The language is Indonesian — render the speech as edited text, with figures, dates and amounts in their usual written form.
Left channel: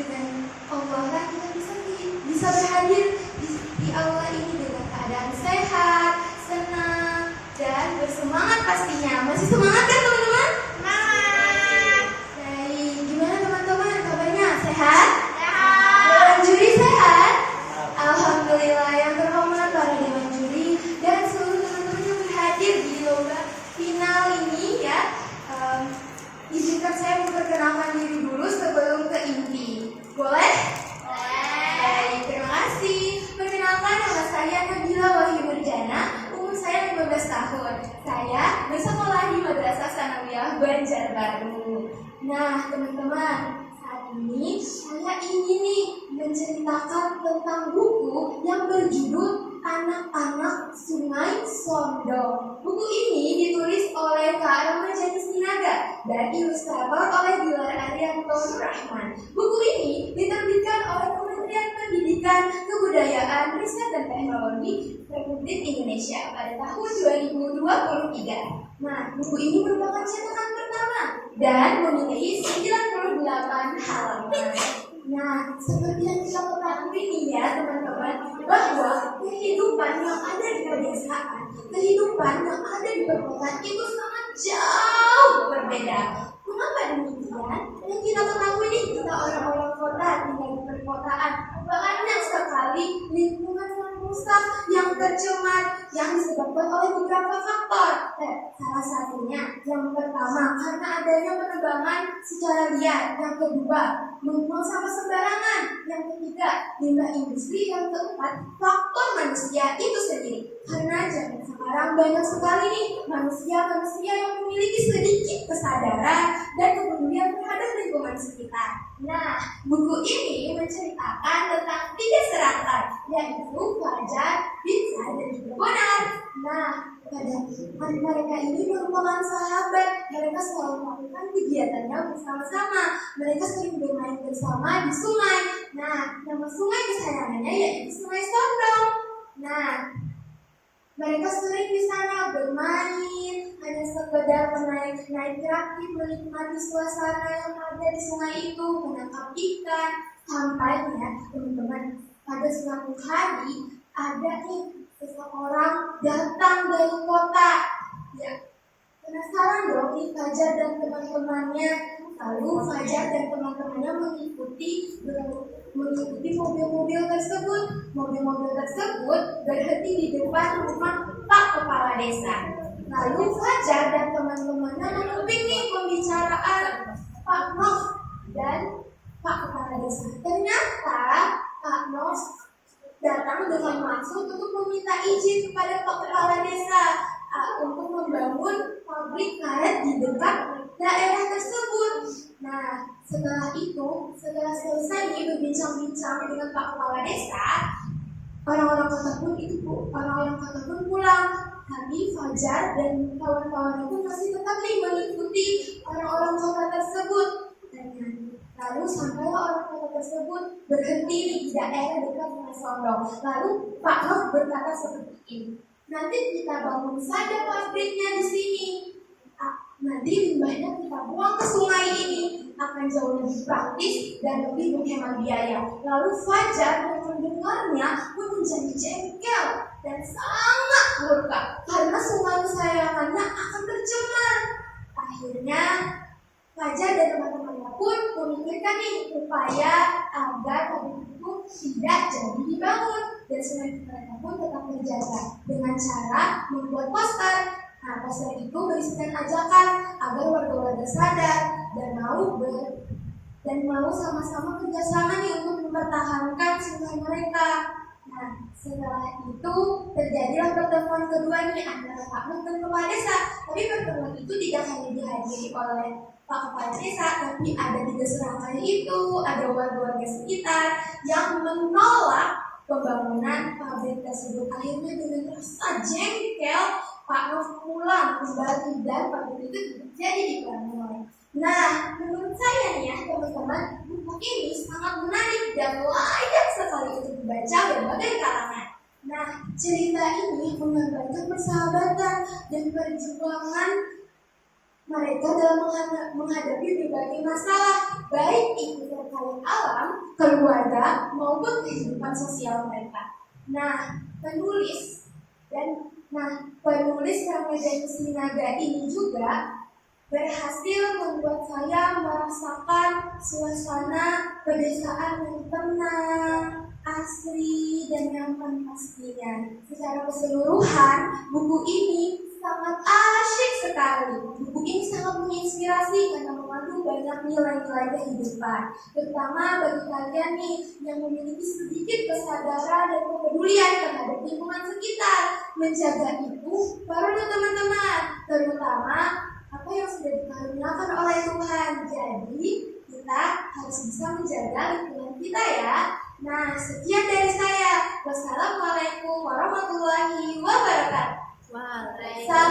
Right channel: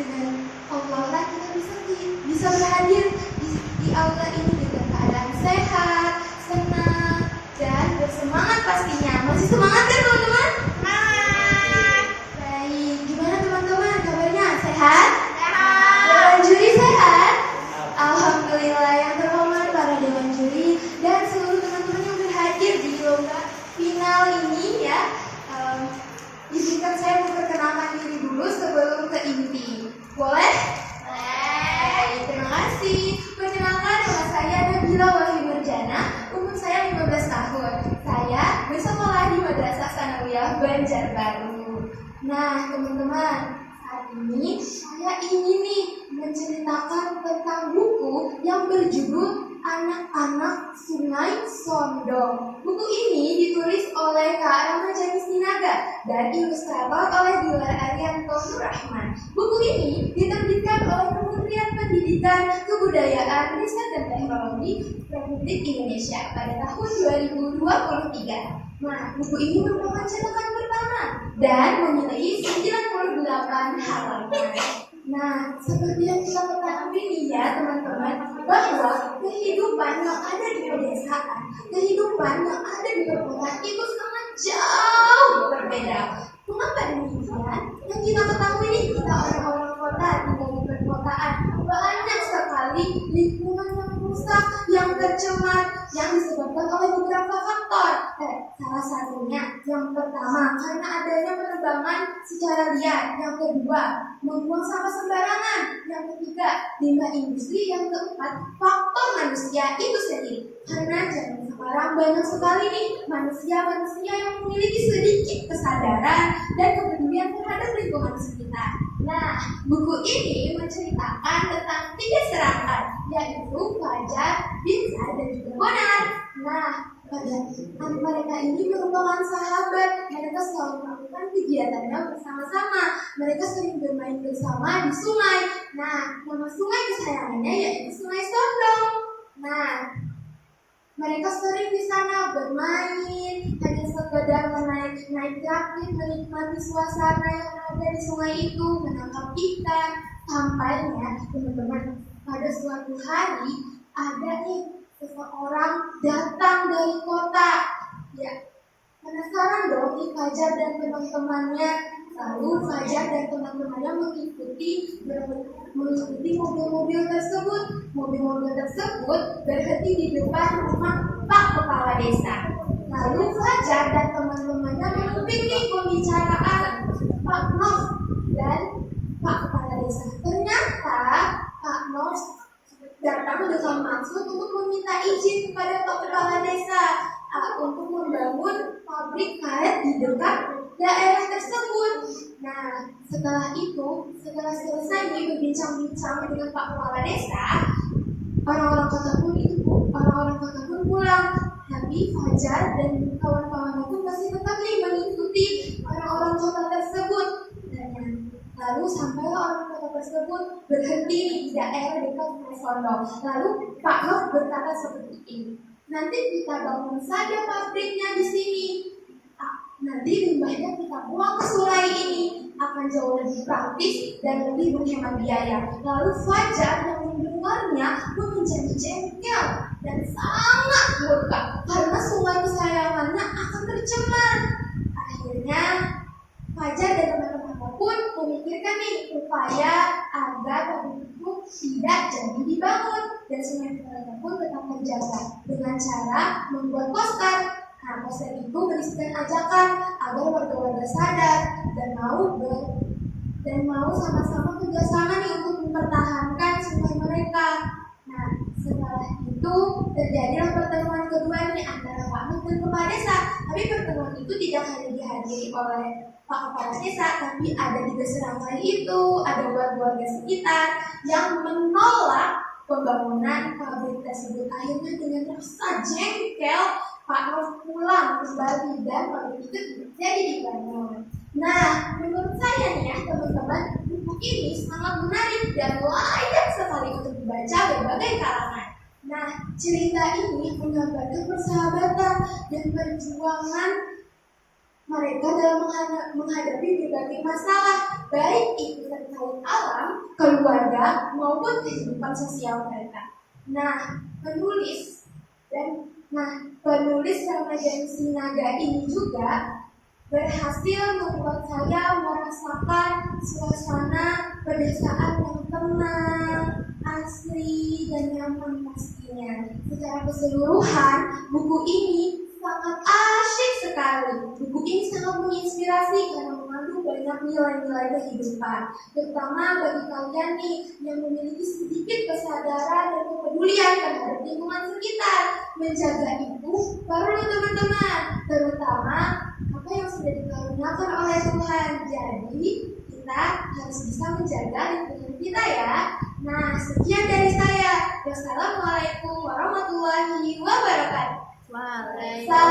dengan Allah lah kita bisa berhadir di aula ini dengan keadaan sehat, senang, dan bersemangat pastinya. Masih semangat kan teman-teman? Semangat! Baik, gimana teman-teman kabarnya? Sehat? Sehat! Dewan juri sehat? Alhamdulillah, yang terhormat para dewan juri dan seluruh teman-teman yang berhadir di lomba final ini ya. Izinkan saya memperkenalkan diri dulu sebelum ke inti. Boleh? Boleh. Terima kasih. Perkenalkan, nama saya Nabila Wahyu Murjana. Umur saya 15 tahun. Saya bersekolah di Madrasah Sanawiyah Banjarbaru. Nah, teman-teman, saat ini saya ingin nih menceritakan tentang buku yang berjudul Anak-anak Sungai Sondong. Buku ini ditulis oleh Kak Ramajani Sinaga dan ilustrator oleh Dilar Arianto Nurrahman. Buku ini diterbitkan oleh Kementerian Pendidikan, Kebudayaan, Riset dan Teknologi Republik Indonesia pada tahun 2023. Nah, buku ini merupakan cetakan pertama dan memiliki 98 halaman. Nah, seperti yang kita ketahui nih ya teman-teman, bahwa kehidupan yang ada di pedesaan, kehidupan yang ada di perkotaan itu sangat jauh berbeda. Mengapa demikian? Yang kita ketahui nih, kita orang-orang kota tinggal di perkotaan, banyak sekali lingkungan yang rusak, yang tercemar, yang disebabkan oleh beberapa faktor. Salah satunya, yang pertama, karena adanya penebangan secara liar. Yang kedua, membuang sampah sembarangan. Yang ketiga, limbah industri. Yang keempat, faktor manusia itu sendiri. Karena zaman sekarang banyak sekali nih manusia-manusia yang memiliki sedikit kesadaran dan kepedulian terhadap lingkungan sekitar. Nah, buku ini menceritakan tentang 3 serangkai, yaitu Fajar, Binsa, dan juga Bonar. Nah, mereka ini merupakan sahabat. Mereka selalu melakukan kegiatannya bersama-sama. Mereka sering bermain bersama di sungai. Nah, nama sungai kesayangannya yaitu Sungai Sondong. Nah, mereka sering di sana bermain, hanya sekedar naik rakit, menikmati suasana yang ada di sungai itu, menangkap ikan. Sampainya, teman-teman, pada suatu hari ada nih seseorang datang dari kota. Ya, penasaran dong nih Fajar dan teman-temannya. Lalu Fajar dan teman-temannya mengikuti mobil-mobil tersebut. Mobil-mobil tersebut berhenti di depan rumah Pak Kepala Desa. Lalu Fajar dan teman-temannya mengikuti pembicaraan Pak Nos dan Pak Kepala Desa. Ternyata Pak Nos datang dengan maksud untuk meminta izin kepada Pak Kepala Desa untuk membangun pabrik karet di dekat daerah tersebut. Nah, setelah selesai berbincang-bincang dengan Pak Kepala Desa, orang-orang kota pun pulang. Tapi Fajar dan kawan-kawannya pun masih tetap mengikuti orang-orang kota tersebut. Lalu sampailah orang kota tersebut berhenti di daerah dekat Sungai Sondong. Lalu Pak Nof berkata seperti ini, nanti kita bangun saja pabriknya di sini. Nanti limbahnya kita buang ke sungai ini, akan jauh lebih praktis dan lebih menghemat biaya. Lalu Fajar yang mendengarnya pun menjadi jengkel dan sangat murka karena sungai kesayangannya akan tercemar. Akhirnya Fajar dan teman-temannya pun memikirkan nih upaya agar pabrik itu tidak jadi dibangun dan sungai mereka pun tetap terjaga dengan cara membuat poster. Nah, poster itu berisikan ajakan agar warga-warga sadar dan mau sama-sama kerjasama nih untuk mempertahankan sungai mereka. Nah, setelah itu terjadilah pertemuan kedua nih antara Pak Mus dan Kepala Desa. Tapi pertemuan itu tidak hanya dihadiri oleh Pak Kepala Desa, tapi ada 3 serangkai itu, ada warga-warga sekitar yang menolak pembangunan pabrik tersebut. Akhirnya dengan rasa jengkel, Pak Mus pulang kembali dan pabrik itu jadi dibangun. Nah, menurut saya nih ya teman-teman, buku ini sangat menarik dan layak sekali untuk dibaca berbagai kalangan. Nah, cerita ini menggambarkan persahabatan dan perjuangan mereka dalam menghadapi berbagai masalah, baik itu terkait alam, keluarga, maupun kehidupan sosial mereka. Penulis Ramadhan Sinaga ini juga berhasil membuat saya merasakan suasana pedesaan yang tenang, asri, dan nyaman pastinya. Secara keseluruhan, buku ini sangat asyik sekali. Buku ini sangat menginspirasi karena mengandung banyak nilai-nilai kehidupan, terutama bagi kalian nih yang memiliki sedikit kesadaran dan kepedulian terhadap lingkungan sekitar. Menjaga itu perlu teman-teman, terutama apa yang sudah dikaruniakan oleh Tuhan. Jadi kita harus bisa menjaga lingkungan kita ya. Nah, sekian dari saya. Wassalamualaikum warahmatullahi wabarakatuh. Waalaikumsalam.